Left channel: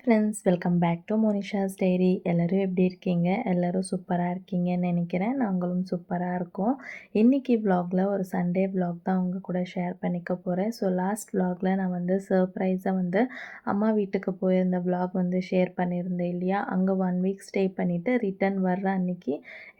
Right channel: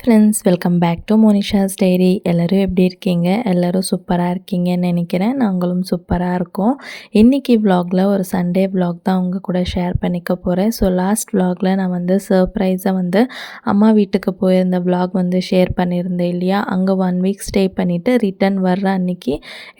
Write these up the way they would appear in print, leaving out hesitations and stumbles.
Friends, welcome back to Monisha's diary. எல்லோரும் எப்படி இருக்கீங்க? எல்லோரும் சூப்பராக இருக்கீங்கன்னு நினைக்கிறேன். நாங்களும் சூப்பராக இருக்கோம். இன்றைக்கி விலாகில் ஒரு சண்டே விலாக் தான் உங்கள் கூட ஷேர் பண்ணிக்க போகிறேன். ஸோ லாஸ்ட் விலாகில் நான் சர்ப்ரைஸாக அம்மா வீட்டுக்கு போயிருந்த விலாக் ஷேர் பண்ணியிருந்தேன் இல்லையா? அங்கே 1 வீக் ஸ்டே பண்ணிவிட்டு ரிட்டன் வர்ற அன்றைக்கி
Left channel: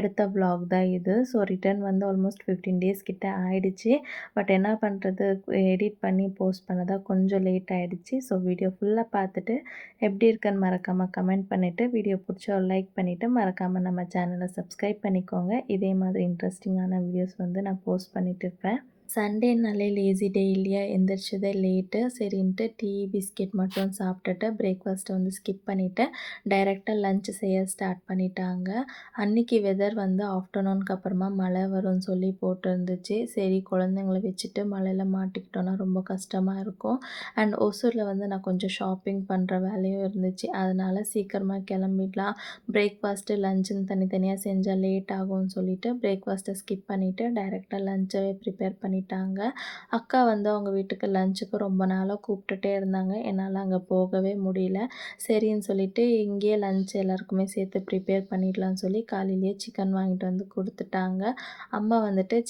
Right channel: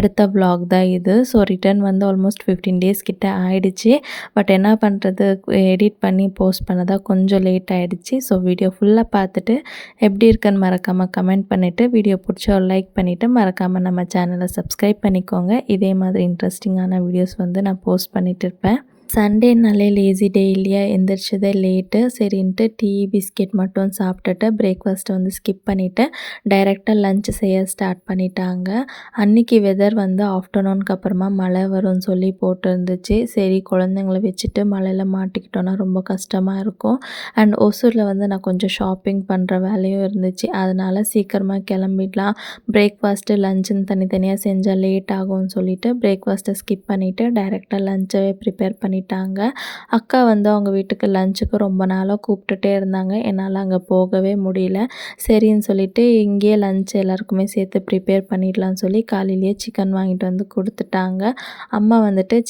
எடுத்த விலாக் தான் இது. ஸோ ரிட்டன் ஆல்மோஸ்ட் 15 டேஸ் கிட்ட ஆயிடுச்சு. பட் என்ன பண்ணுறது, எடிட் பண்ணி போஸ்ட் பண்ணதான் கொஞ்சம் லேட் ஆகிடுச்சு. ஸோ வீடியோ ஃபுல்லாக பார்த்துட்டு எப்படி இருக்குன்னு மறக்காமல் கமெண்ட் பண்ணிவிட்டு, வீடியோ பிடிச்சா ஒரு லைக் பண்ணிவிட்டு, மறக்காமல் நம்ம சேனலை சப்ஸ்கிரைப் பண்ணிக்கோங்க. இதே மாதிரி இன்ட்ரெஸ்டிங்கான வீடியோஸ் நான் போஸ்ட் பண்ணிகிட்டு இருப்பேன். சண்டேனாலே லேசி டே இல்லையா? எந்திரிச்சதே லேட்டு. சரின்ட்டு டீ பிஸ்கெட் மட்டும் சாப்பிட்டுட்டு பிரேக்ஃபாஸ்ட்டை ஸ்கிப் பண்ணிவிட்டு டைரெக்டாக லன்ச் செய்ய ஸ்டார்ட் பண்ணிட்டாங்க. அன்றைக்கி வெதர் ஆஃப்டர்நூனுக்கு அப்புறமா மழை வரும்னு சொல்லி போட்டிருந்துச்சு. சரி, குழந்தைங்கள வச்சுட்டு மழையில் மாட்டிக்கிட்டோன்னா ரொம்ப கஷ்டமாக இருக்கும். அண்ட் ஒசூரில் நான் கொஞ்சம் ஷாப்பிங் பண்ணுற வேலையும் இருந்துச்சு. அதனால் சீக்கிரமாக கிளம்பிடலாம், பிரேக்ஃபாஸ்ட்டு லஞ்சுன்னு தனித்தனியாக செஞ்சால் லேட் ஆகும்னு சொல்லிவிட்டு பிரேக்ஃபாஸ்ட்டை ஸ்கிப் பண்ணிவிட்டு டைரெக்டாக லஞ்சவே ப்ரிப்பேர் பண்ணிவிட்டாங்க. அக்கா அவங்க வீட்டுக்கு லஞ்சுக்கு ரொம்ப நாளாக கூப்பிட்டுட்டே இருந்தாங்க. என்னால் அங்கே போகவே முடியல. சரின்னு சொல்லிவிட்டு இங்கேயே லஞ்ச் எல்லாருக்குமே சேர்த்து ப்ரிப்பேர் பண்ணிடலான்னு சொல்லி காலையிலேயே சிக்கன் வாங்கிட்டு கொடுத்துட்டாங்க. அம்மா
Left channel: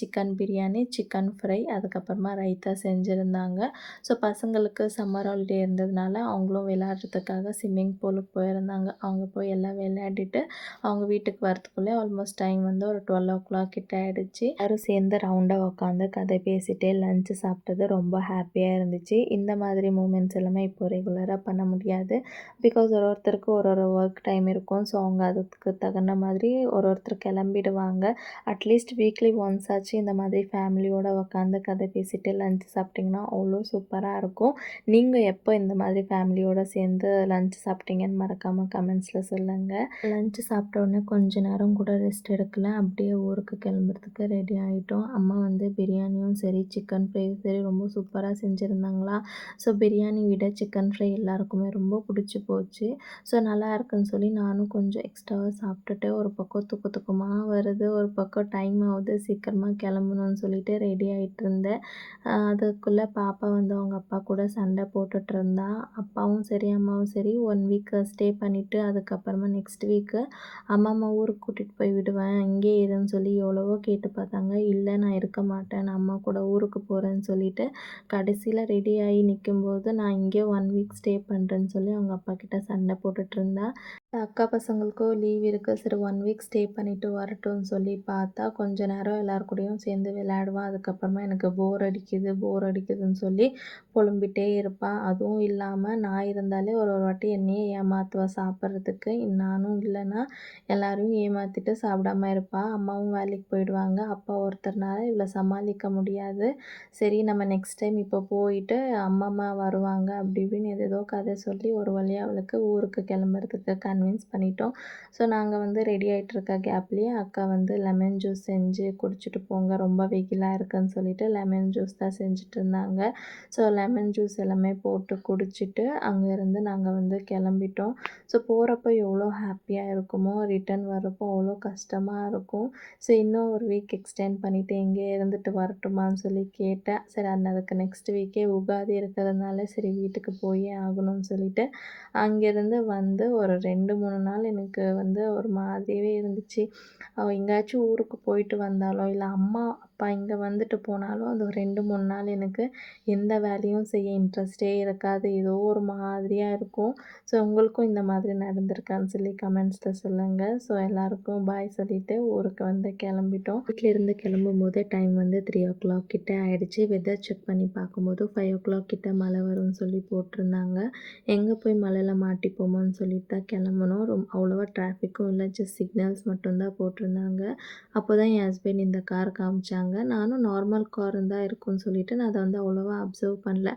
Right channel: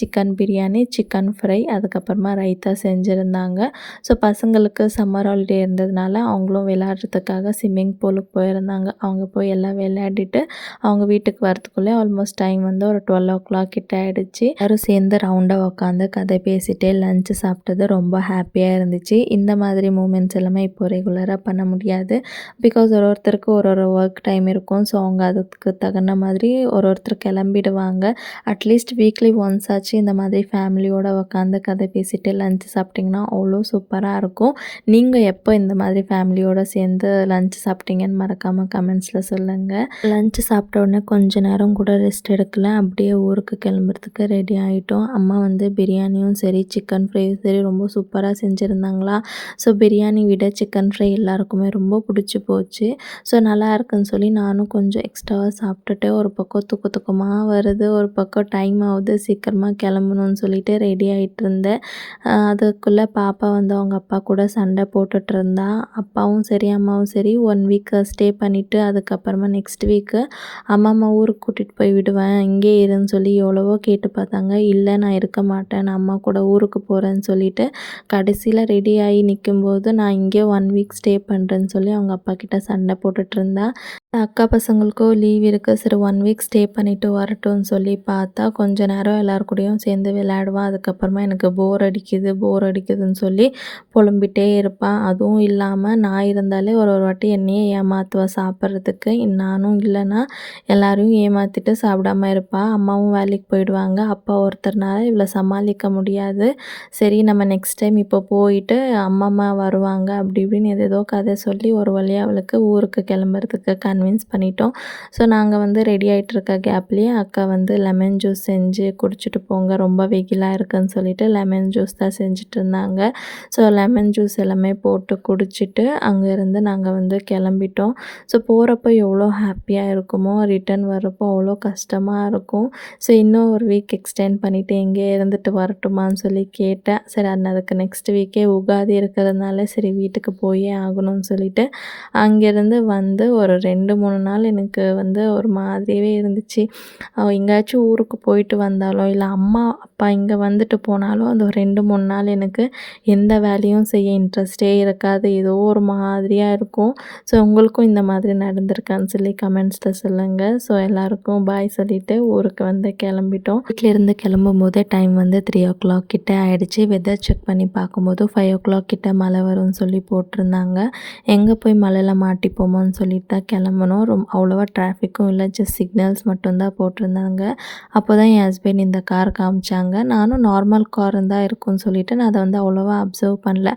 சிக்கன் பிரியாணி, சிக்கன் ஃப்ரை, அதுக்கப்புறமா ரைத்தா செஞ்சுருந்தாங்க. ஸோ பசங்களுக்கு சம்மர் ஹாலிடே இருந்ததுனால அவங்களும் விளையாடுறதுக்காக ஸ்விம்மிங் பூலுக்கு போயிருந்தாங்க. அவங்க போய் எல்லாம் விளையாடிட்டு அவங்க வீட்டுக்கு வரத்துக்குள்ளே ஆல்மோஸ்ட் டைம் ஒரு 12 o'clock கிட்ட ஆகிடுச்சு. எல்லாரும் சேர்ந்து ரவுண்டாக உட்காந்து கதை பேசிகிட்டே லஞ்சு சாப்பிட்டது ரொம்ப ஹாப்பியாக இருந்துச்சு. இந்த மாதிரி மூமெண்ட்ஸ் எல்லாமே இப்போ ரெகுலராக பண்ண முடியாது. பிகாஸ் ஒருத்தருக்கு ஒரு ஒர்க் டைம் இருக்கும். ஸோ அவங்க அதுக்கு தகுந்த மாதிரி ஒருத்தர் கிளம்பிடுவாங்க. அட்லீஸ்ட் வீக்லி ஒன்ஸ் ஆச்சு இந்த மாதிரி ஃபேமிலியோடு உட்காந்து கதை பேசிட்டு லஞ்சு சாப்பிட்டிங்கன்னா அவ்வளோ சூப்பராக இருக்கும். நீங்கள் எப்போ இந்த மாதிரி ஃபேமிலியோடு சேர்ந்து லஞ்ச் சாப்பிட்டீங்கன்னு மறக்காமல் கமெண்ட்ஸில் சொல்லுங்கள். லஞ்சு சாப்பிட்ட உடனே கொஞ்ச நேரம் கூட ரெஸ்ட் எடுக்கல, அப்படியே ஊருக்கு கிளம்புறதுக்கு ரெடி ஆகிட்டோம். அம்மா பிரியாணியும் சரி சிக்கன் ஃப்ரையும் சரி ரொம்ப சூப்பராக செஞ்சுருந்தாங்களா. ஸோ பிரியாணி விட சிக்கன் ஃப்ரை எல்லாருக்குமே ரொம்ப பிடிச்சி போச்சு. ஸோ நல்லா இருக்குன்னு சொல்லி நானும் கொஞ்சம் எக்ஸ்ட்ராவாக சாப்பிட்டுட்டு, ஒரு பக்கம் தூக்கமாக வருது, ஒரு பக்கம் டைம் ஆகுது, சீக்கிரமாக கிளம்பணும்னு சொல்லிட்டு ரெடி ஆகிட்டு இருந்தேன். அதுக்குள்ளே பாப்பா அவங்க அப்பா கூட சண்டை போட்டுட்டு இருந்தா. அப்பாவும் சரி அம்மாவும் சரி 1 வீக் ஸ்டே பண்ணிவிட்டு அதுக்கப்புறமா நெக்ஸ்ட் வீக்கு அம்மா ஊருக்கு கூட்டிகிட்டு போய் விடுவேன், இங்கே இருன்னு சொல்லி எவ்வளவோ கேட்டு பார்த்தாங்க. இல்லை, நான் இருக்க மாட்டேன், நான் அம்மா கூட ஊருக்கு போகிறேன்னு சொல்லிட்டு கடைசியில் ரெடி ஆகி நிற்கும்போது நான் இங்கே 1 வீக் ஸ்டே பண்ணுறேன்னு சொல்லி அவங்க அப்பா கிட்ட சண்டை போட்டுட்ருந்தா. அக்கா பசங்களுக்கும் லீவ் இருக்குது, சரி 1 வீக் ஸ்டே பண்ணிவிட்டு வரட்டும்னு சொல்லி பார்த்தா கொஞ்ச நேரம் எல்லார் கூடயும் சேர்ந்து விளையாடுவான். அதுக்கப்புறமா எனக்கு போர் அடிக்குதுன்னு சொல்லி புலம்பிகிட்டே இருப்பான். அதுவும் இல்லாமல் நான் இருந்தாலே ஒரு வாட்டி என்னையே ஏமாற்றுவா சாப்பிட்றதுக்கு. நானும் இல்லைன்னா எல்லாரையும் ஏமாற்றிட்டு சாப்பிடாமல் இருப்பாள். அம்மாவும் வேலைக்கு போயிடுவாங்க. அப்பா ஒருத்தர்னால இவளை சமாளிக்க முடியாது. சரி, நம்ம நெக்ஸ்ட் டைம் இப்போ போயிட்டு அம்மா வருவாங்க அப்படி இப்படின்னு ஏதேதோ கதை சொல்லி ஒரு வழியாக அவளுக்கு ஊருக்கு கிளம்புறதுக்கு கன்வின்ஸ் பண்ணிட்டோம். ஸோ நாங்கள் ரெடி ஆகிட்டு இருக்க கேப்லேயே அக்கா லெமன் ஜூஸ் செஞ்சு குடிச்சிட்டு போங்க, ரொம்ப வெயிலாக இருக்குன்னு சொல்லிட்டு லெமன் ஜூஸ் தான் செஞ்சுட்டு இருந்தாங்க. ஸோ லெமன் ஜூஸ் எல்லாமே போட்டு குடிச்சிட்டு அங்கேருந்து நாங்கள் கிளம்பிட்டோம். ஸோ போகிறப்போ எவ்வளோ ஹாப்பியாக இருக்குமோ, ரிட்டன் வரப்போ அவ்வளோ கஷ்டமாக இருக்கும். ஸோ இன்னும் ஒரு வீக் எக்ஸ்டெண்ட் பண்ணிவிட்டு எங்கே இருந்துட்டு வரட்டுமான்னு சொல்லி கேட்டேன். சரி, அதுக்கு நெக்ஸ்ட் வீக்கே உகாதி இருக்கிறதுனால சரி வீட்டுக்கு போயே ஆகணும்னு சொல்லிட்டு அங்கேருந்து ஒரு 2-3 நாள் எனக்கு ஒரு மாதிரியே இருந்துச்சு. எங்கேயாச்சும் ஊருக்கு போயிட்டு வந்தாலோ இல்லை அம்மா அப்பா இங்கே வந்துட்டு போனாலும் அந்த ஒரு 2-3 நாள் எனக்கு எந்த வேலையும் செய்ய இன்ட்ரெஸ்டே இருக்காது, ஏதோ ஒரு மாதிரியாக இருக்கும். ஸோ உங்களுக்கும் இந்த மாதிரி நடந்திருக்கான்னு சொல்லி கமெண்ட்ஸில் சொல்லுங்கள். ஸோ எல்லாருக்கும் பாய் சொல்லிவிட்டு ஊருக்கு கிளம்பிட்டோம். வீட்டிலேருந்து கிளம்பும் போதே டைம் 3 o'clock கிட்ட ஆகிடுச்சு. வெதர் செக் பண்ணி பார்க்கும்போது 5 o'clock கிட்ட மழை வரும்னு சொல்லி போட்டிருந்தாங்க. எங்கே போய் மழையில் மாட்டிப்போமோன்னு சொல்லிட்டு தான் கிளம்பணும். அவ்வளோவா டிராஃபிக்கும் இல்லை, ஜஸ்ட் சிக்னல்ஸ் மட்டும்தான் போட்டிருந்தாங்க. அப்போ தான் என் ஹஸ்பண்ட் இந்த கார் காமிச்சாங்க. நானும் நார்மல் கார் தான் இருக்கும்னு சொல்லிவிட்டு நான் அதை அவ்வளோவா அப்சர்வ் பண்ணல.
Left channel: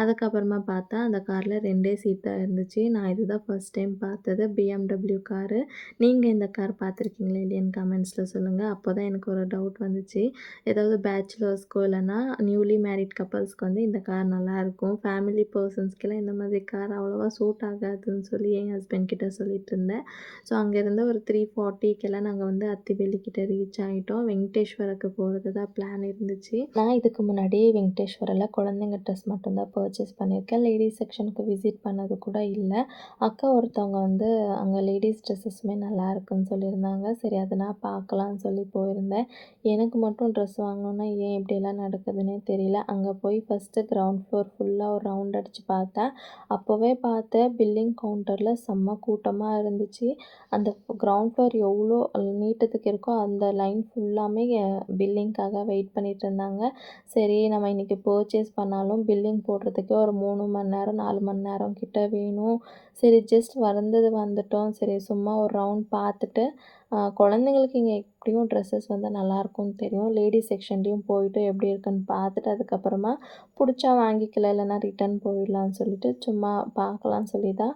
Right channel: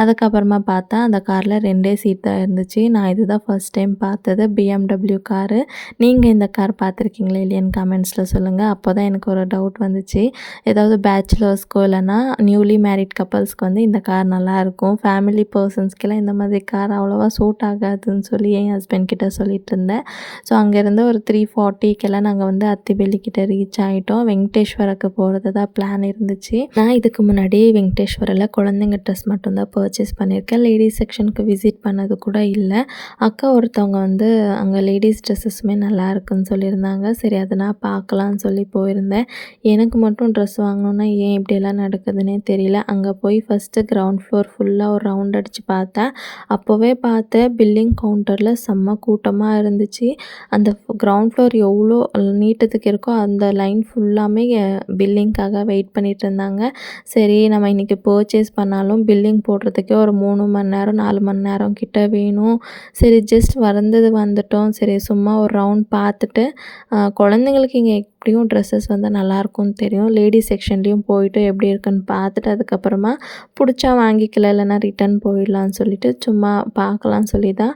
அதுக்கப்புறமா பார்த்தா அந்த காரில் 2 சீட் தான் இருந்துச்சு. நான் இதுதான் ஃபர்ஸ்ட் டைம் பார்த்தது BMW காரு. நீங்கள் இந்த கார் பார்த்துருக்கீங்களா இல்லையான்னு கமெண்ட்ஸில் சொல்லுங்கள். அப்போ தான் எனக்கு ஒரு டவுட் வந்துச்சு, ஏதாவது பேச்சுலர்ஸ்க்கோ இல்லைனா நியூலி மேரிட் கப்பல்ஸ்க்கு இந்த கார் நல்லாயிருக்கும், ஃபேமிலி பர்சன்ஸ்க்கெல்லாம் இந்த மாதிரி கார் அவ்வளோவா சூட் ஆகாதுன்னு சொல்லி என் ஹஸ்பண்ட் கிட்ட சொல்லிட்டு இருந்தேன். ஸோ அங்கேருந்து ஒரு 3:40க்கெல்லாம் நாங்கள் அத்திபெல்லிக்கிட்ட ரீச் ஆகிட்டோம். வெங்கடேஸ்வரக்கு போகிறது போகிறதா பிளான் இருந்துச்சு. நான் இதுக்கு முன்னாடி வெங்கடேஸ்வரில் குழந்தைங்க ட்ரெஸ் மட்டும்தான் பர்ச்சேஸ் பண்ணியிருக்கேன். லேடீஸ் செக்ஷனுக்கு விசிட் பண்ணது கூட இல்லை. அக்கா ஒருத்தவங்க வந்து அங்கே லேடீஸ் ட்ரெஸ்ஸஸுமே நல்லா இருக்குன்னு சொல்லியிருந்தாங்க. சரி அதை நான் பார்க்கலான்னு சொல்லி போயிருந்தேன். எனக்கு மட்டும் ட்ரெஸ் வாங்கணுன்னா ஏன் இப்படியெல்லாம் நடக்குதுன்னே தெரியல. அங்கே போய் ஃபஸ்ட்டு கிரவுண்ட் ஃப்ளோர் ஃபுல்லாக ஒரு ரவுண்ட் அடித்து பார்த்தேன். அப்போவே பார்த்தேன் பில்லிங் கவுண்டரில் செம்ம கூட்டமாக இருந்துச்சு. அந்த கிரவுண்ட் ஃப்ளோர் எவ்வளோ நீட்டத்துக்கு இருக்கோ அந்த லைன் ஃபுல்லாமே பில்லிங்க்காக வெயிட் பண்ணிகிட்டு இருந்தாங்க. சரி நம்ம இன்றைக்கி பர்ச்சேஸ் பண்ணாலும் பில்லிங் போடுறதுக்கே ஒரு 3 மணி நேரம் 4 மணி நேரம் கிட்ட வேணும். சரி ஜஸ்ட் வந்துட்டோம். சரி சும்மா ஒரு ரவுண்ட் பார்த்துட்டு குழந்தைங்களுக்கு இங்கே எப்படியும் ட்ரெஸ்ஸஸ் வந்து நல்லாயிருக்கும்னு தெரியும். லேடீஸ் செக்ஷன்லேயும் போயிட்டு எப்படி இருக்குன்னு பார்த்துட்டு அதுக்கப்புறமா பிடிச்சா வாங்கிக்கலாம், இல்லைனா ரிட்டன் போயிடலான்னு சொல்லிட்டு சும்மா பார்க்கலான்னு சொல்லி தான்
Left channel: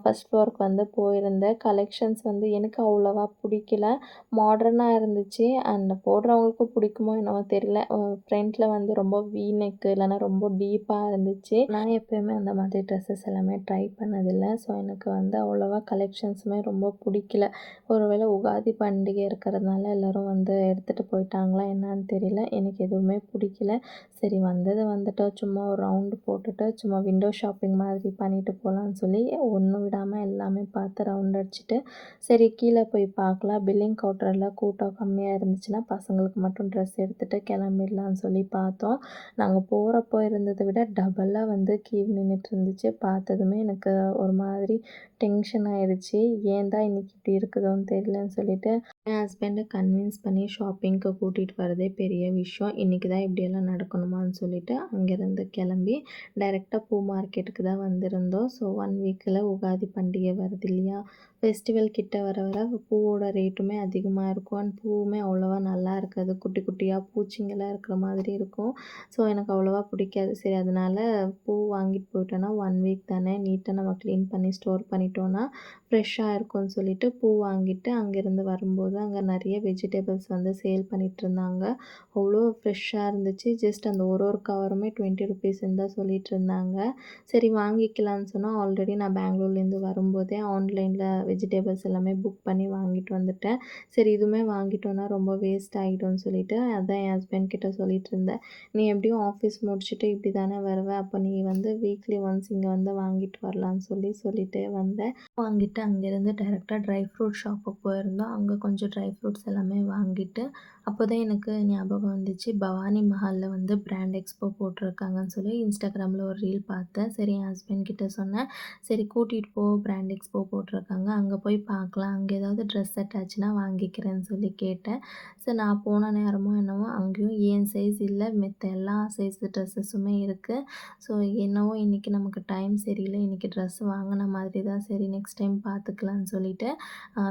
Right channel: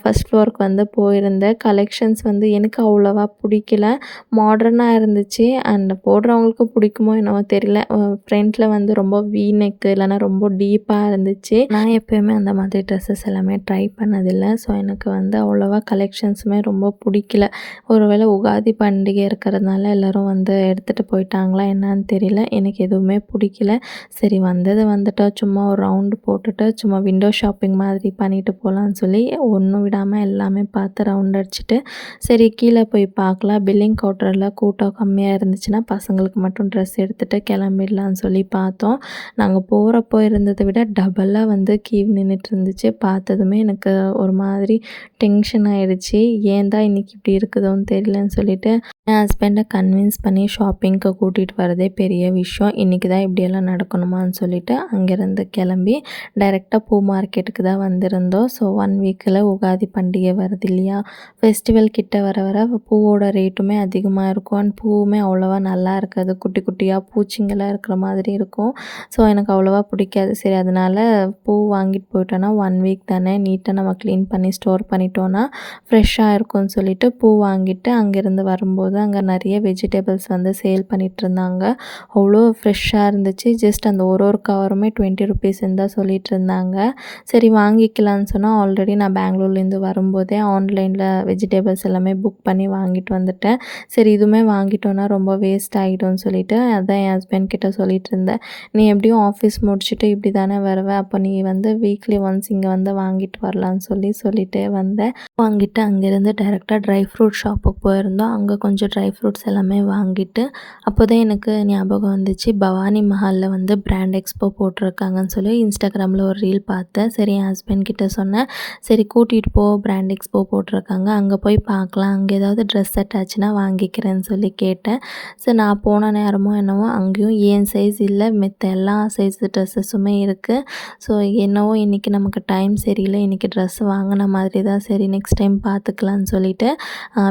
ஃபஸ்ட் ஃப்ளோருக்கு வந்து போயிருந்தேன். கலெக்ஷன்ஸ் வந்து எனக்கு அவ்வளோவா பிடிக்கல. மாடர்னாக இருந்துச்சு. அண்ட் போடுறவங்களுக்கு பிடிக்குமோ என்னவோ தெரியல. ஃப்ரண்ட்டில் வந்து ரொம்ப வீ நெக்கு இல்லைனா ரொம்ப டீப்பாக இருந்துச்சு. நான் எப்போயுமே அந்த மாதிரி ட்ரெஸ்ஸஸ் எல்லாமே ட்ரை பண்ணதில்லை. ஸோ எனக்கு வந்து அவ்வளோவா கலெக்ஷன்ஸுமே ரொம்ப பிடிக்கல. ஒருவேளை உகாதி பண்டிகை இருக்கிறதுனால எல்லோரும் வந்து எடுத்துகிட்டு போயிட்டாங்களா என்னன்னு தெரியல. எனக்கு எதுவுமே பிடிக்கல. சரி வந்துட்டோம், சும்மா ஒரு ரவுண்டு போட்டுட்டு சும்மா விண்டோ ஷாப்பிங் மாதிரி பண்ணிட்டு போகலான்னு சொல்லி ஒன்றும் விடாமல் எல்லாமே பார்த்து ரவுண்ட் அடிச்சுட்டு சரி கீழே போய் பார்க்கலாம். பில்லிங் கவுண்டரில் கூட்டம் கம்மியாக இருந்துச்சுன்னா பசங்களுக்கு மட்டும் ட்ரெஸ் எடுத்துகிட்டு கிளம்பிடலான்னு சொல்லி பார்த்தோம். நாங்கள் போகிறப்போ இருந்ததை விட டபுளாக வந்து கியூ நின்றுட்டு இருந்துச்சு. பார்த்ததுமே எனக்கு ஒரு மாதிரி டென்ஷன் ஆகிடுச்சு. ஏன் தான் இன்றைக்கி இப்படி இருக்குதோன்னு தெரியலன்னு சொல்லிட்டு என் ஹஸ்பண்டை கன்வின்ஸ் பண்ணி ஷாப்பிங்க்கு கூட்டிகிட்டு வரதே பெரிய விஷயம். இன்றைக்கி தான் இப்படியெல்லாம் நடக்கணுமான்னு சொல்லிட்டு அங்கேருந்து கிளம்பி டைரெக்டாக பூ மார்க்கெட்டுக்கு தான் வந்திருந்தோம். ஸோ 1 வீக்கில் உகாதி பண்டிகை வருது இல்லையா, ஃபெஸ்டிவல் கிட்ட வர வர பூவோட ரேட்டுமே அதிகமாக இருக்கும். அண்ட் பூவுமே அவ்வளோவா நல்லா இருக்காது. குட்டி குட்டியாக பூச்சிங்கெல்லாம் இருக்கிற மாதிரி இருக்கும். ஸோ எனக்கு அவ்வளோவா பிடிக்காது. சரி அதனால் பூ வாங்கிட்டு போயிட்டோன்னா 1 வீக் தானே, நீட்டாக நம்ம க்ளீன் பண்ணி ஸ்டோர் பண்ணிட்டோன்னா ஃப்ரெஷ்ஷாக இருக்கும்னு சொல்லிட்டு பூ வாங்கிட்டு அங்கேருந்து வரும்போது அங்கே நிறைய வெஜிடபிள்ஸ் வந்து சேல் பண்ணிகிட்ருந்தாங்க. அவ்வளோ ஃப்ரெஷ்ஷாக இருந்துச்சு. ஜஸ்ட் அந்த ஒரு கவருமே 20 ருபீஸ்ன்னு தான் சொல்லிகிட்டு இருந்தாங்க. சரி வாங்கிக்கலான்னு சொன்னால் ஆல்ரெடி நான் பெங்களூர்லேருந்து வரும்போதே ஆன்லைனில் வெஜிடபிள்ஸ் எல்லாமே புக் பண்ணி வாங்கிட்டு வந்துட்டேன். சரி இதுவுமே வாங்கிட்டோன்னா ரொம்ப வேஸ்ட் ஆகிடும்னு சொல்லிட்டு அதான் என் ஹஸ்பண்ட் கிட்ட சொல்லிகிட்டு இருந்தேன். நீ எப்படியும் ஆஃபீஸ் முடிச்சுட்டு இப்படி தானே வருவேன், அப்போ நீ வந்து வீக்லி ஒன்ஸ் இங்கே வந்து வாங்கிட்டு வரலான்னு சொல்லிட்டே வந்தேன். வாங்கிட்டு அங்கேருந்து டைரெக்டாக ட்ரை ஃப்ரூட் ஷாப்புக்கு போயிருந்தோம். அங்கே கொஞ்சம் ட்ரை ஃப்ரூட்ஸ் எல்லாமே வாங்கிட்டு அப்போ தான் எனக்கு ஞாபகம் வந்துச்சு, பவானி மஹாலில் வந்து பிராண்ட் எக்ஸ்போ போட்டிருக்காங்கன்னு சொல்லி இன்ஸ்டாகிராமில் ஒரு ரீல் பார்த்தேன். சரி என் ஹஸ்பண்ட் கிட்ட சொன்னேன், சரி கூட்டிகிட்டு போ, பிராண்ட் எக்ஸ்போ போட்டிருக்காங்க, அங்கே போய் பார்க்கலாம், அங்கே ஏதாவது ட்ரெஸ் செட் ஆச்சுன்னா வாங்கிக்கிறேன்னு சொல்லி கேட்டேன். சரி நான் போன நேரமோ என்னவோ அங்கேயும் ஏன் சைஸ் இல்லை, மித்த எல்லா சைஸ் ட்ரெஸ்ஸஸுமே இருக்குது. ஸோ என்னவோ இன்றைக்கி நமக்கு டைம் சரியில்லை, இன்றைக்கி ட்ரெஸ் வாங்கின மாதிரி தான், சரி நெக்ஸ்ட் டைம் பார்த்துக்கலான்னு சொல்லிட்டு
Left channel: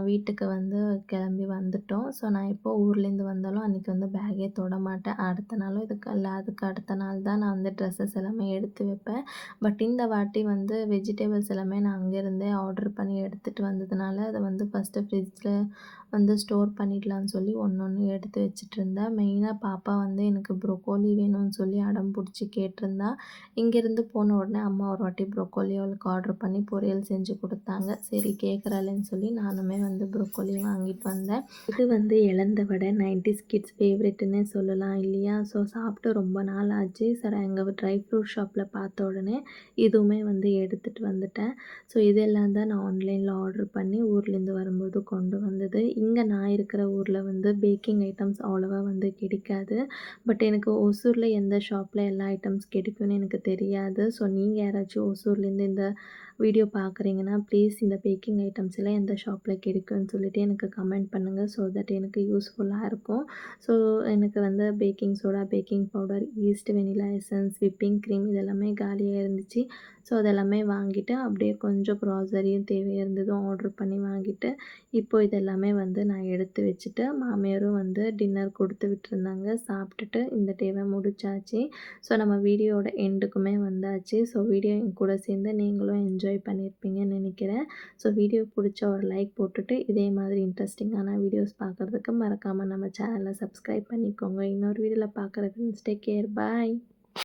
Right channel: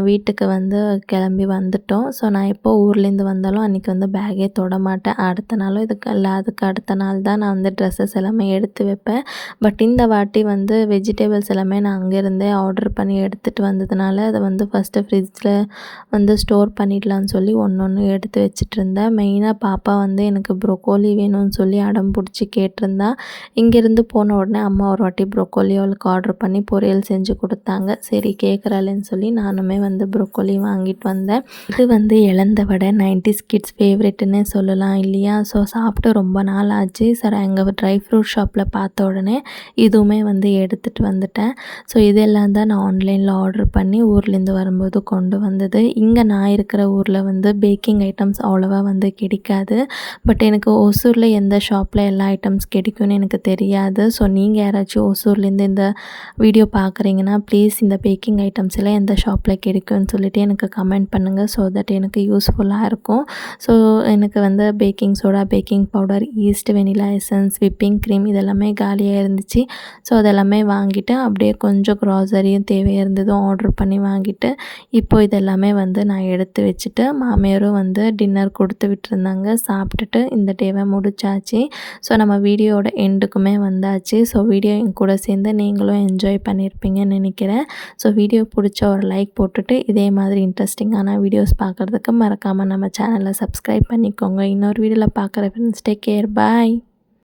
வீட்டுக்கு வந்து கிளம்பி வந்துட்டோம். ஸோ நான் எப்போ ஊர்லேருந்து வந்தாலும் அன்றைக்கி வந்து பேக்கே தொட மாட்டேன். அடுத்த நாளும் அதுக்கு அடுத்த நாள் தான் நான் வந்து ட்ரெஸ்ஸஸ் எல்லாமே எடுத்து வைப்பேன். பட் இந்த வாட்டி வந்து வெஜிடபிள்ஸ் எல்லாமே நான் அங்கேருந்தே ஆர்டர் பண்ணி எடுத்துகிட்டு வந்ததுனால அதை வந்து ஃபஸ்ட்டு ஃப்ரிட்ஜில் வந்து ஸ்டோர் பண்ணிடலான்னு சொல்லி ஒன்று எடுத்து வச்சுட்டு இருந்தேன். மெயினாக பாப்பா வந்து எனக்கு ப்ரொக்கோலி வேணும்னு சொல்லி அடம் பிடிச்சி கேட்டிருந்தா. இங்கேருந்து போன உடனே அம்மா ஒரு வாட்டி ப்ரொக்கோலி அவளுக்கு ஆர்டர் பண்ணி பொரியல் செஞ்சு கொடுத்தாங்க. சரி கேட்குறாளேன்னு சொல்லி நானுமே வந்து ப்ரொக்கோலி வாங்கிட்டு வந்தேன். இது வந்து இழந்த வடை 90s கிட்ஸ் ஃபேவரெட்டுன்னு சொல்லலாம் இல்லையா. ஸோ சாப்பிட்டு ரொம்ப நாள் ஆச்சு. சார் எங்கள் ட்ரை ஃப்ரூட் ஷாப்பில் பார்த்த உடனே இதுவுமே வந்து எடுத்துகிட்டு வந்துட்டேன். ஸோ இதெல்லாம் தான் நான் ஆன்லைனில் ஆர்டர் பண்ணி ஊர்லேருந்து வரும்போது கொண்டு வந்தது. இங்கே நான் இருக்கிற ஊரில் வந்து பேக்கிங் ஐட்டம்ஸ் அவ்வளோவா வந்து கிடைக்காது. பட் எனக்கு ஒசூரில் எந்த ஷாப்பில் எல்லா ஐட்டம்ஸ் கிடைக்கும்னு எனக்கு தெரியாது. ஸோ நீங்கள் யாராச்சும் ஒசூர்லேருந்து இந்த வீடியோ பார்க்குறீங்கன்னா ப்ளீஸ் இந்த பேக்கிங் ஐட்டம்ஸ் எல்லாம் எந்த ஷாப்பில் கிடைக்கும்னு சொல்லிட்டு எனக்கு கமெண்ட் பண்ணுங்கள். ஸோ தட் எனக்கு யூஸ்ஃபுல்லாக இருக்கும். ஸோ எனக்கு வந்து baking soda, baking powder, yeast, vanilla essence, whipping cream இதெல்லாமே காலியாக இருந்துச்சு. ஸோ அதெல்லாமே வாங்கிட்டு அப்படியே கொஞ்சம் க்ராசரியும் தேவையாக இருந்ததும் ஆர்டர் பண்ணி வாங்கிட்டு இப்போ இதெல்லாமே வந்து நான் எடுத்து வச்சுட்டு மாமியாரும் வந்து டின்னர் கொடுத்து விட்டுருந்தாங்க. சாப்பிட்டுட்டு இந்த டேவை முடிச்சாச்சு. ஸோ நம்ம வீடியோட எண்டுக்குமே வந்தாச்சு. ஸோ வீடியோ என் கூட சேர்ந்து நீங்களும் என்ஜாய் பண்ணியிருப்பீங்கன்னு நினைக்கிறேன். ஸோ வீடியோ பிடிச்ச ஒரு லைக் போட்டுட்டு இதே மாதிரி இன்ட்ரெஸ்டிங்கான வீடியோஸ் பார்க்குறதுக்கு மறக்காமல் நம்ம சேனலை சப்ஸ்கிரைப் பண்ணிக்கோங்க. இன்னொரு வீடியோவில் பார்க்குற ஃப்ரெண்ட்ஸ், டேக் கேர், பாய்.